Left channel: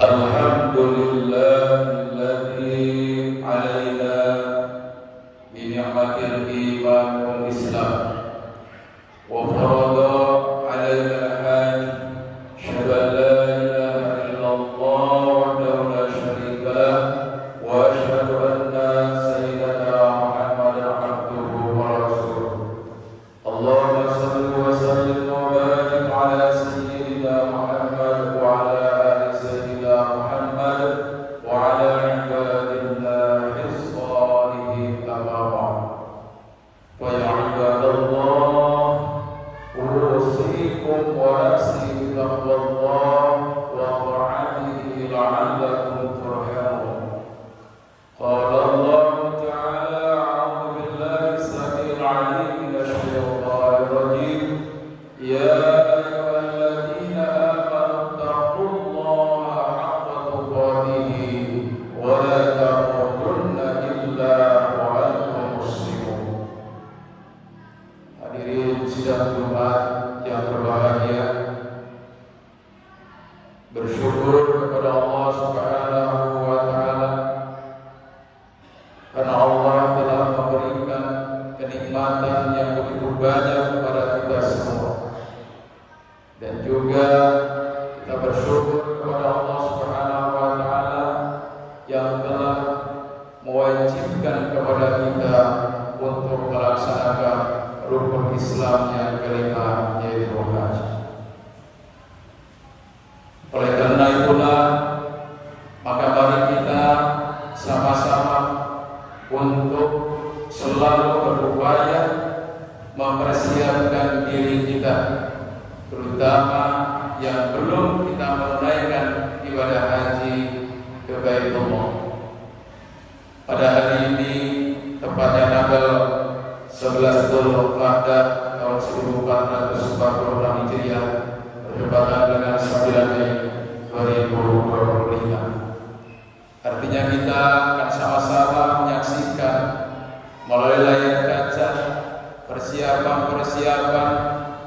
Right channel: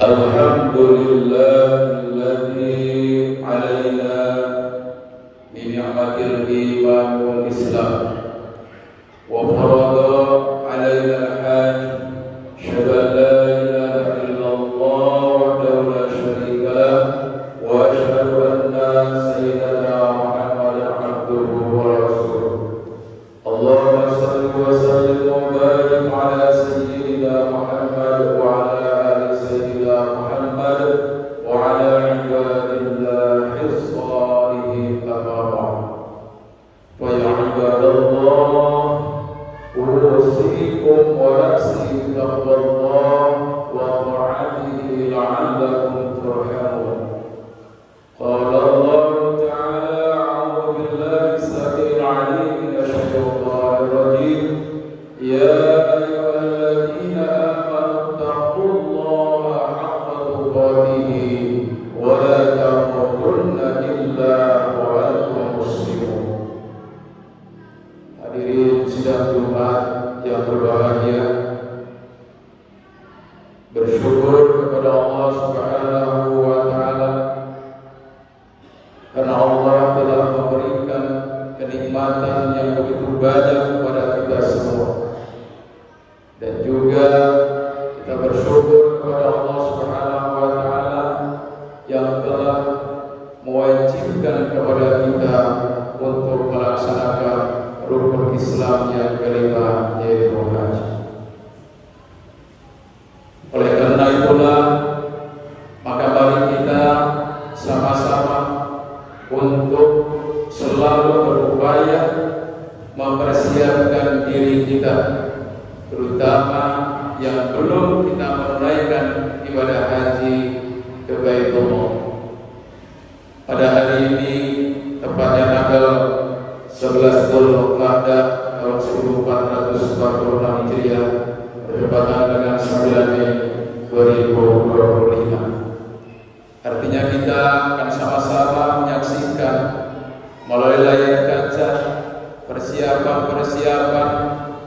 Alhamdulillahilladzi alaina bi ni'matil iman wal islam wa farada alaina al-hajj syahada la ilaha illallah wahdahu la syarika lah wa asyhadu anna sayyidana Muhammadan abduhu wa rasuluh. Allahumma shalli wa sallim wa barik ala sayyidina Muhammad wa ala ali sayyidina Muhammad wa ala ibadillahi as-salihin al-abrar. Fa ya ibadallah usikum wa nafsi bittaqwallah wa ta'atihi la'allakum turhamun. Qala Allah ta'ala a'udzu billahi as-sami'il 'alim minash shaitanir rajim. Ya ayyuhalladzina amanu taqullaha haqqa tuqatih wa la tamutunna illa wa antum muslimun. Hadirin sidang Jumat yang berbahagia, bersyukur kepada Allah Subhanahu wa taala karena Allah telah memberikan kenikmatan yang begitu banyak kepada kita semua. Dan juga kita bersyukur kepada Allah Subhanahu wa taala yang telah mewajibkan kepada kita untuk melaksanakan rukun Islam yang kelima, yaitu haji. Oleh karena itulah, maka mari kita sama-sama untuk selalu berupaya mempersiapkan diri kita, terutama yang belum kita menunaikan ibadah haji ke Baitullah. Pada hari ini, tepatnya tanggal 11 Dzulqa'dah tahun 1446 Hijriah, bertepatan dengan 9 Mei 2025. Artinya kita akan sama-sama menyaksikan melalui layar kaca persiapan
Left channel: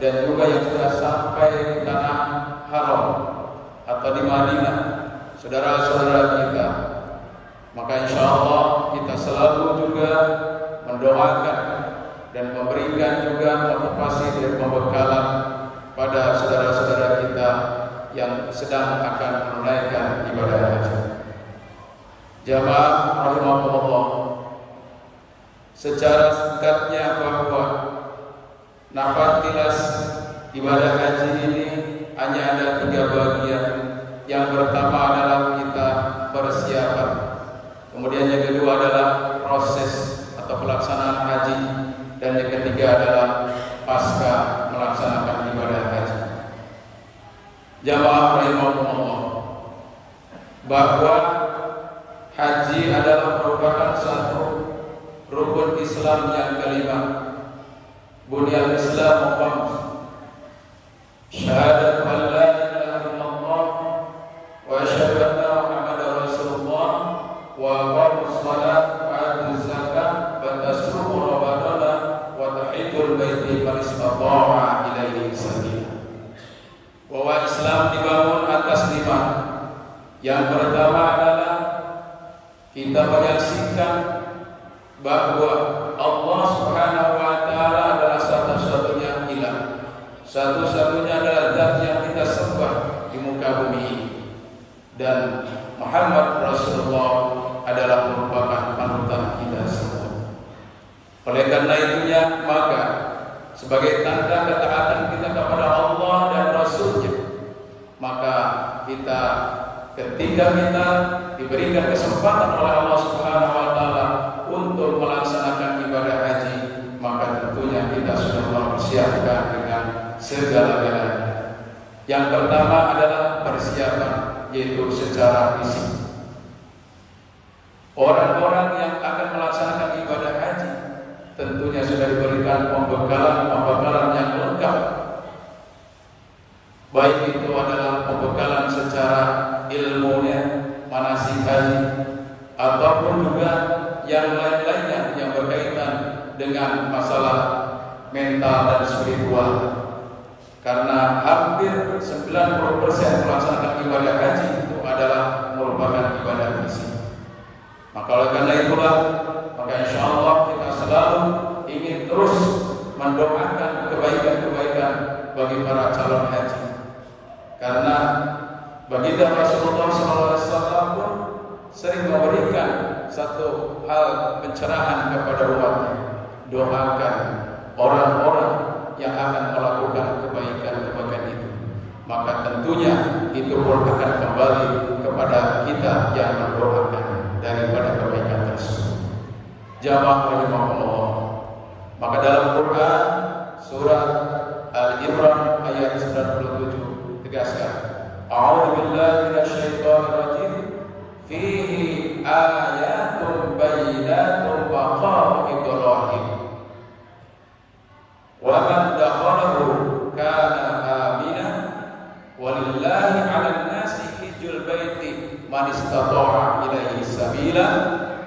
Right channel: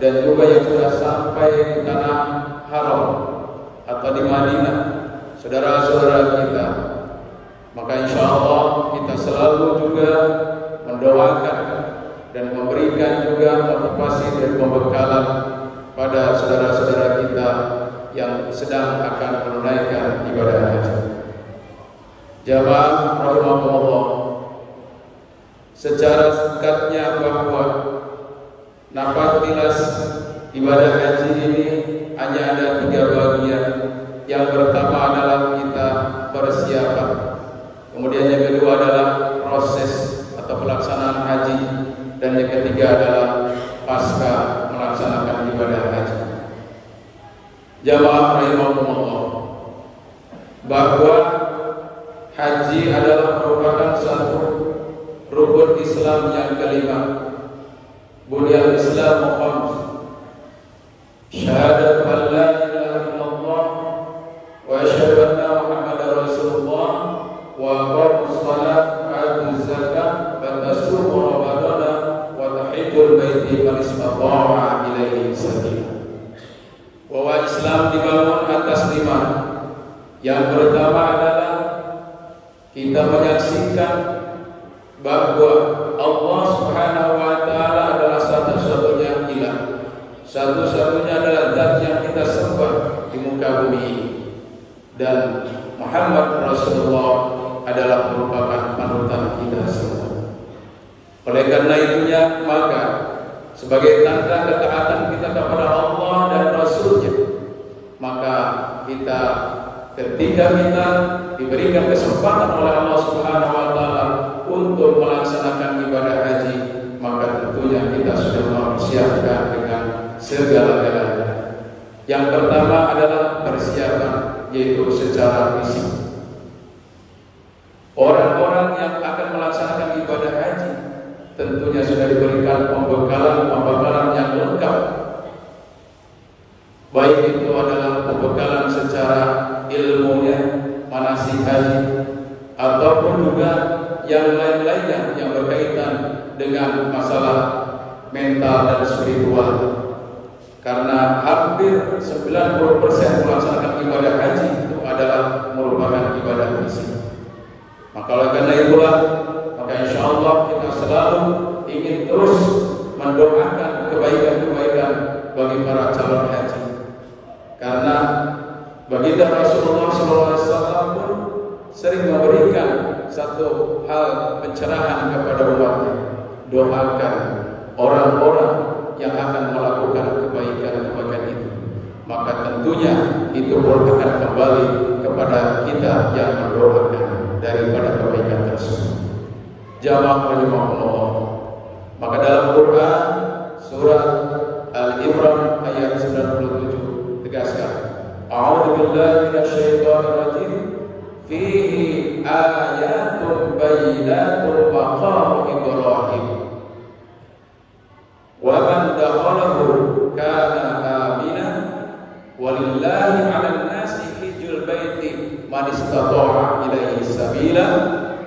dan juga yang sudah sampai di tanah haram atau di Madinah, saudara-saudara kita. Maka insya Allah kita selalu juga mendoakan dan memberikan juga motivasi dan pembekalan pada saudara-saudara kita yang sedang akan menunaikan ibadah haji. Jamaah rahimakumullah, secara singkatnya bahwa napaktilas ibadah haji ini hanya ada 3 bagian. Yang pertama adalah kita persiapan, kemudian yang kedua adalah proses atau pelaksanaan haji, dan yang ketiga adalah pasca melaksanakan ibadah haji. Jamaah rahimakumullah, bahwa haji adalah merupakan satu rukun Islam yang kelima. Bunyal Islam khams, syahadatu an la ilaha illallah wa asyhadu anna Muhammadar Rasulullah wa aqamus shalah wa atuz zakah wa tasumu ramadana wa tahijjul baiti man istata'a ilaihi sabila. Bahwa Islam dibangun atas 5. Yang pertama adalah kita menyaksikan bahwa Allah Subhanahu wa taala adalah satu-satunya ilah. Satu-satunya adalah zat yang kita sembah di muka bumi ini. Dan Muhammad Rasulullah adalah merupakan panutan kita semua. Oleh karena itunya, maka sebagai tanda ketaatan kita kepada Allah dan Rasul-Nya, maka kita ketika kita diberikan kesempatan oleh Allah Subhanahu wa taala untuk melaksanakan ibadah haji, maka tentunya kita sudah mempersiapkan dengan segala-galanya. Yang pertama adalah persiapan, yaitu secara fisik. Orang-orang yang akan melaksanakan ibadah haji tentunya sudah diberikan pembekalan yang lengkap. Baik itu adalah pembekalan secara ilmunya, manasik haji, ataupun juga yang lain-lainnya yang berkaitan dengan masalah mental dan spiritual. Karena hampir 90% melaksanakan ibadah haji itu adalah merupakan ibadah fisik. Maka oleh karena itulah, maka insya Allah kita selalu ingin terus mendoakan kebaikan-kebaikan bagi para calon haji. Karena baginda Rasulullah SAW pun sering memberikan satu hal pencerahan kepada umatnya. Doakan orang-orang yang akan melakukan kebaikan-kebaikan itu. Maka tentunya itu pun akan kembali kepada kita yang mendoakan daripada kebaikan tersebut. Jamaah rahimahullah, maka dalam Quran surah Al-Imran ayat 97 tegaskan, A'udzu billahi minasyaitonir rajim, fihi ayatun bayyinatun maqam Ibrahim wa man dakhalahu kana amina walillahi 'alan nasi hijjul baiti man istata'a ilaihi sabila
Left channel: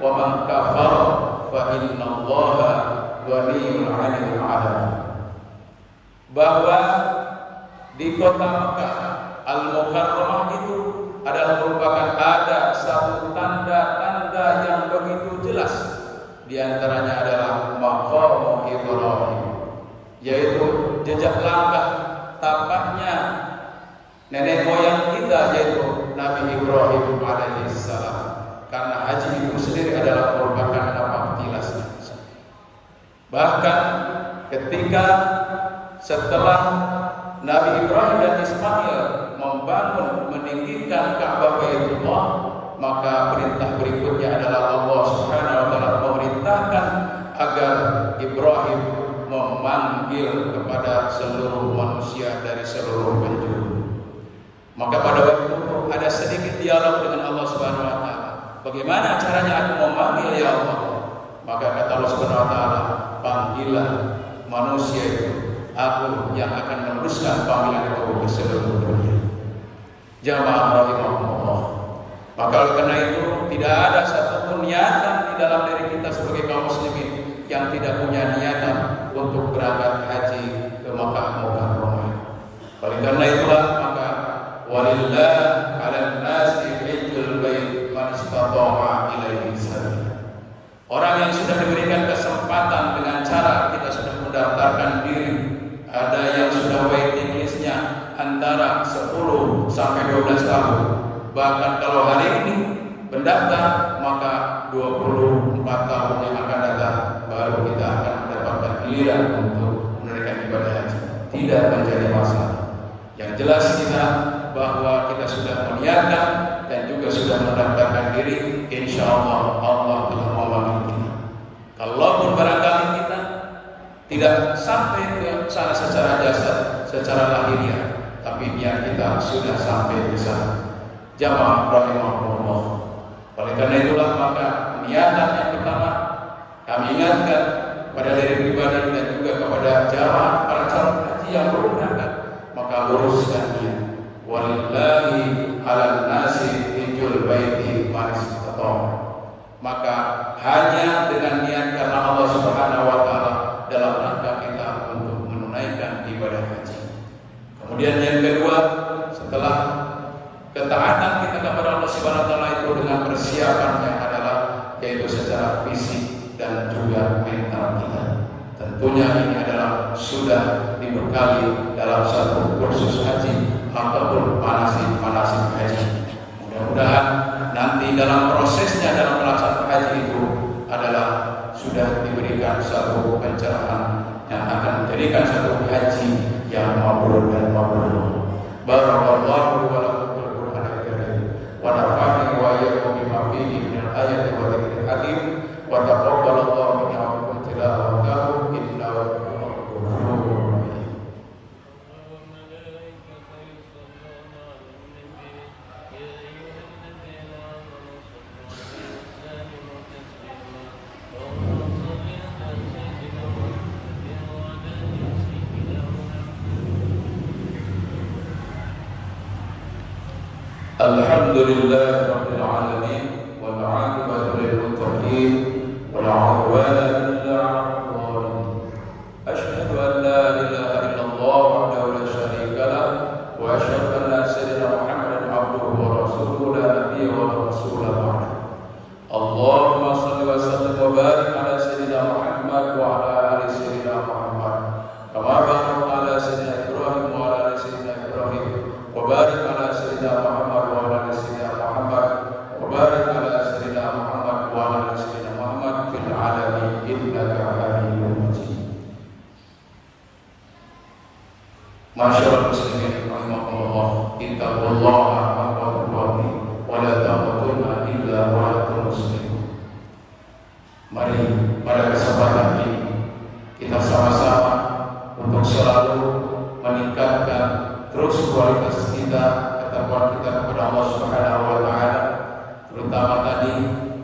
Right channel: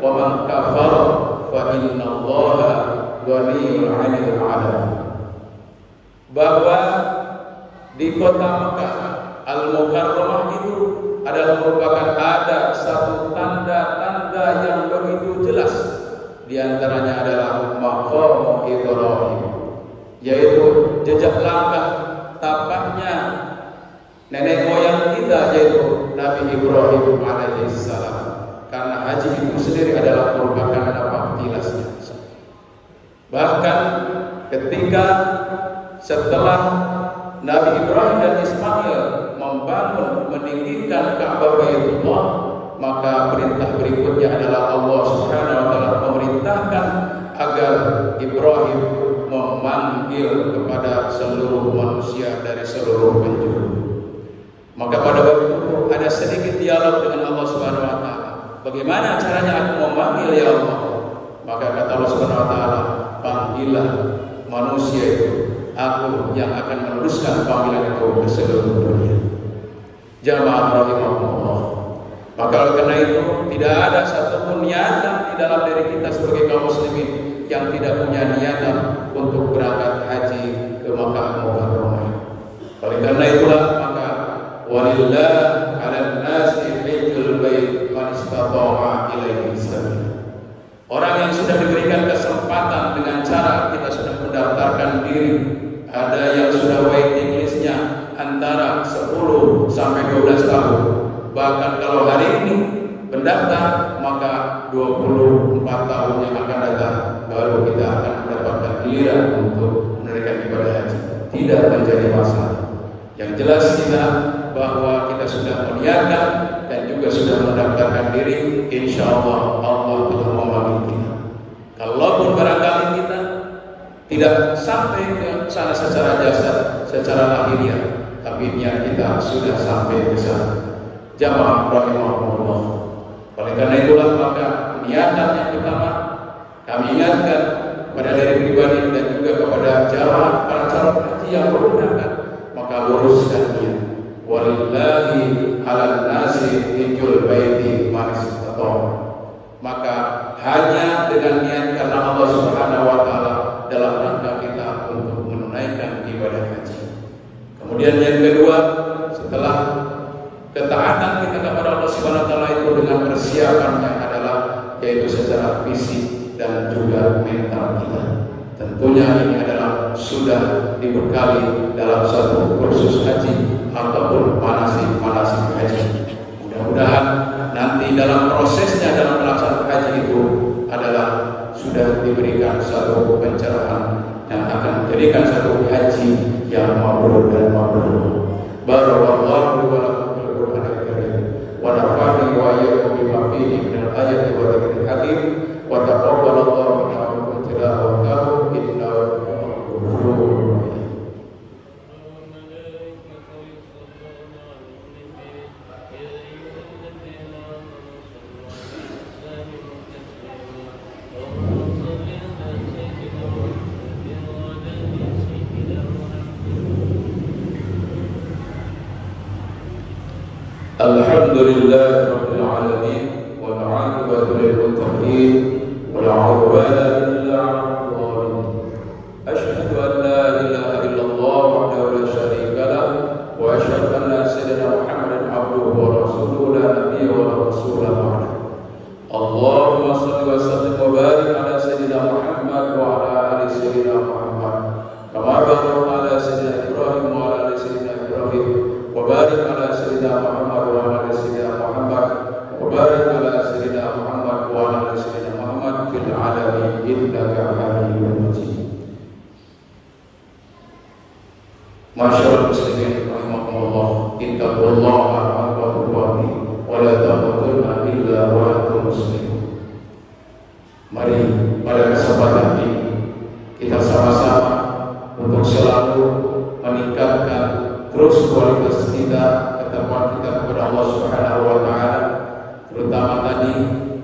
wa man kafara fa innallaha ghaniyyun 'anil 'alamin. Bahwa di kota Mekah Al-Mukarramah itu adalah merupakan ada satu tanda-tanda yang begitu jelas. Di antaranya adalah maqam Ibrahim, yaitu jejak langkah tapaknya nenek moyang kita, yaitu Nabi Ibrahim alaihissalam. Karena haji itu sendiri adalah merupakan napaktilasnya. Bahkan ketika setelah Nabi Ibrahim dan Ismail membangun, meninggikan Ka'bah Baitullah, maka perintah berikutnya adalah Allah Subhanahu wa taala memerintahkan agar Ibrahim memanggil kepada seluruh manusia dari seluruh penjuru. Maka pada waktu itu ada sedikit dialog dengan Allah Subhanahu wa taala. Bagaimana caranya aku memanggil ya Allah? Maka kata Allah Subhanahu wa taala, panggillah manusia itu, aku yang akan meneruskan panggilan kau ke seluruh dunia. Jamaah rahimahullah. Maka karena itu tidak ada satupun niatan di dalam diri kita sebagai kaum muslimin yang tidak punya niatan untuk berangkat haji ke Makkah Mukarramah. Oleh karena itulah maka walillah 'alan nasi hajjul bait man istata'a ilaihi sabila. Orang yang sudah diberikan kesempatan dengan cara kita sudah mendaftarkan diri, ada yang sudah waiting listnya antara 10 sampai 12 tahun. Bahkan kalau hari ini mendaftar, maka 24 tahun yang akan datang baru kita akan mendapatkan giliran untuk menunaikan ibadah haji. Tidak menjadi masalah. Yang jelas kita bahwa kita sudah meniatkan dan juga sudah mendaftarkan diri, insya Allah Allah telah memanggil kita. Kalaupun barangkali kita tidak sampai ke sana secara jasad, secara lahiriah, tapi niat kita sudah sampai ke sana. Jamaah rahimahullah. Oleh karena itulah maka niatan yang pertama kami ingatkan kepada diri pribadi dan juga kepada jamaah para calon haji yang baru berangkat, maka luruskan niat. Walillahi 'alan nasi hajjul baiti man istata'a. Maka hanya dengan niat karena Allah Subhanahu wa taala dalam rangka kita untuk menunaikan ibadah haji. Kemudian yang kedua, setelah ketaatan kita kepada Allah Subhanahu wa taala itu dengan persiapannya adalah yaitu secara fisik dan juga mental kita. Tentunya ini adalah sudah dibekali dalam satu kursus haji ataupun manasik haji. Mudah-mudahan nanti dalam prosesnya dalam melaksanakan haji itu adalah sudah diberikan satu pencerahan yang akan menjadikan satu haji yang mabrur dan mabrur. Barakallahu wa wa nafa'ani wa iyyakum bima fihi min al-ayati wa dhikril hakim wa taqabbalallahu minna wa minkum tilawatahu innahu ghafurur. Alhamdulillah rabbil alamin wal 'aqibatu lil muttaqin wal 'udwana illa 'alal zalimin. Asyhadu an la ilaha illallah wahdahu la syarika lah wa asyhadu anna sayyidina Muhammadan 'abduhu wa rasuluhu la nabiyya wa la rasula ba'd. Allahumma shalli wa sallim wa barik ala sayyidina Muhammad wa ala ali sayyidina Muhammad kama barakta ala sayyidina Ibrahim wa ala ali sayyidina Ibrahim wa barik ala sayyidina Muhammad وبارك على سيدنا محمد وعلى سيدنا محمد في العالمين إنك حميد مجيد. Masyaallah muslimin rahimakumullah, ittaqullaha haqqa tuqatih wa la tamutunna illa wa antum muslimun. Mari pada kesempatan ini kita sama-sama untuk selalu meningkatkan terus kualitas kita, ketakwaan kita kepada Allah Subhanahu wa taala. Terutama tadi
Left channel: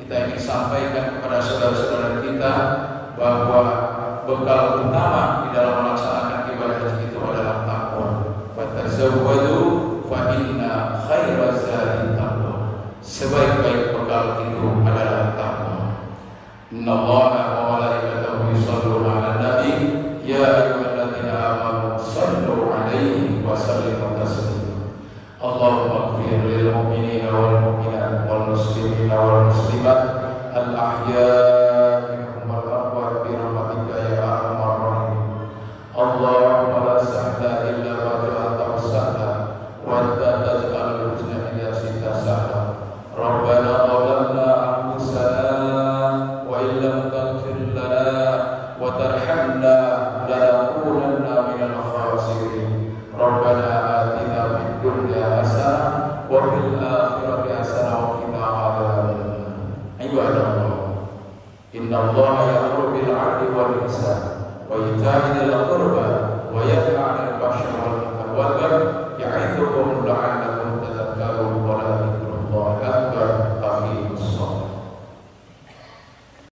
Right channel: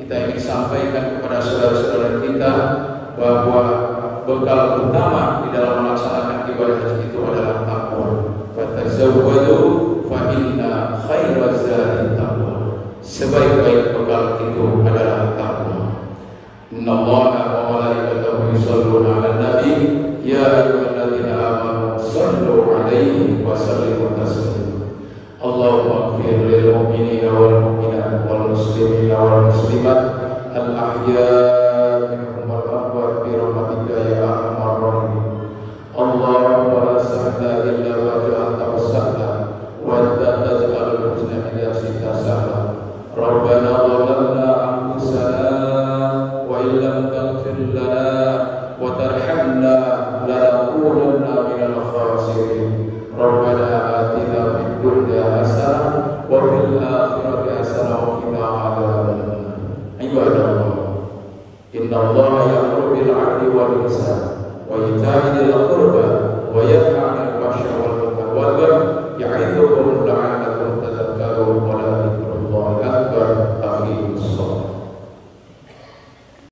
kita ingin sampaikan kepada saudara-saudara kita bahwa bekal utama di dalam melaksanakan ibadah haji itu adalah takwa. Fatazawwadu fa inna khairaz zadi taqwa. Sebaik-baik bekal itu adalah takwa. Innallaha wa malaikatahu yusholluna 'alan nabi ya ayyuhalladzina amanu shallu 'alaihi wa sallimu taslima. Allahumma ighfir lil mu'minina wal mu'minat wal muslimina wal muslimat al ahya'i minhum wal amwat bi rahmatika ya arhamar rahimin. Allahumma la sahla illa ma ja'altahu sahla wa anta taj'alul huzna idza shi'ta sahla. Rabbana zalamna anfusana wa illam taghfir lana wa tarhamna lanakunanna minal khasirin. hasanah wa fil akhirati hasanah wa qina adzabannar. Ibadallah, inna Allaha ya'muru bil 'adli wal ihsan wa ita'i dzil qurba wa yanha 'anil fahsya'i wal munkar wal baghi ya'idukum la'allakum